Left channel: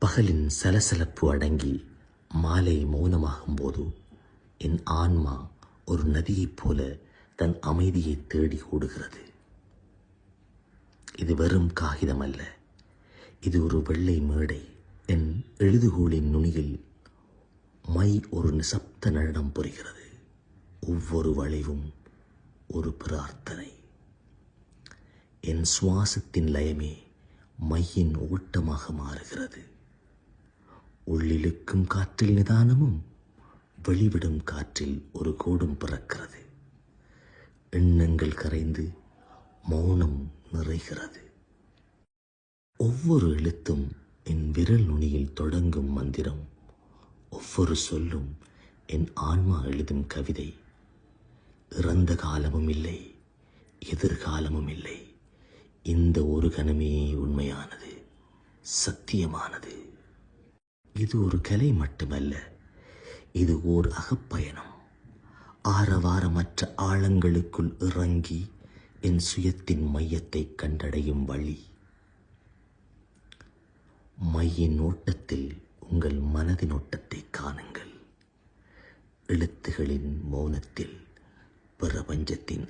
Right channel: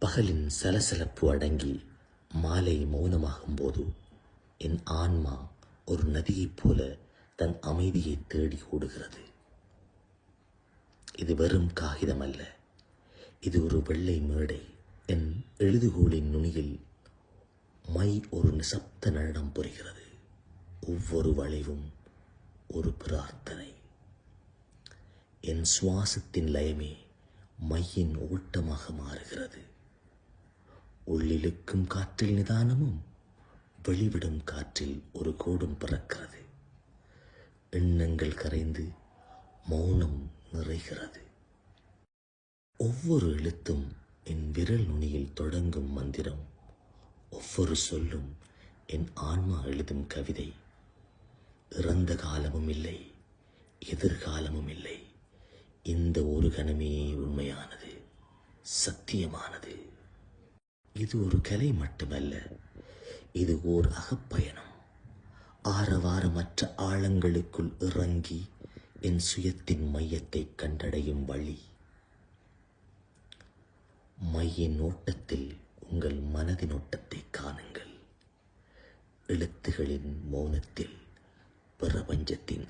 பகலின் சலசலப்பு அடங்கி மாலை மௌனமாகும் போது என் ஆன்மா ஒரு நதியைப் போல தன் அமைதியை தேடி ஓடுகிறது. இது வெறும் காகிதம் அல்ல இது ஒரு வெள்ளை மேடை. என் எழுதுகோளின் நுனியில் மை ஒரு நிசப்த நடனம் புரிகிறது. ஒவ்வொரு வளைவும் ஒரு பிரார்த்தனை. என் சுவாசத்தின் லயமே மையின் ஓட்டமாக மாறுகிறது. உள்ளிழுக்கும் காற்றில் நிதானமும் வெளிவிடும் காற்றில் ஒரு கோடும் பறக்கிறது. எண்ணங்கள் கரைந்து மௌனம் நிறைகிறது. ஒவ்வொரு எழுத்தும் என் விரல் நுனியில் தொடங்கும் மந்திரம் ஒவ்வொரு சொல்லும் என் ஆன்மா எழுதும் கவிதை. இறந்த காலமும் இல்லை எதிர்காலமும் இல்லை இந்த ஒரு கணமே உண்மையானது சத்தியமானது. இது ஒரு கலை மட்டுமல்ல. இது ஓர் அகப்பயணம். ஆரவாரமற்ற ஆழங்களுக்குள் இறங்கி என் சுயத்தின் மையத்தை கண்டடையும் வழி. மையின் ஓட்டத்தில் உங்கள் மனதின் ஓட்டத்தை காணுங்கள். எழுத்துகளின் மௌனத்தில் பிரபஞ்சத்தின்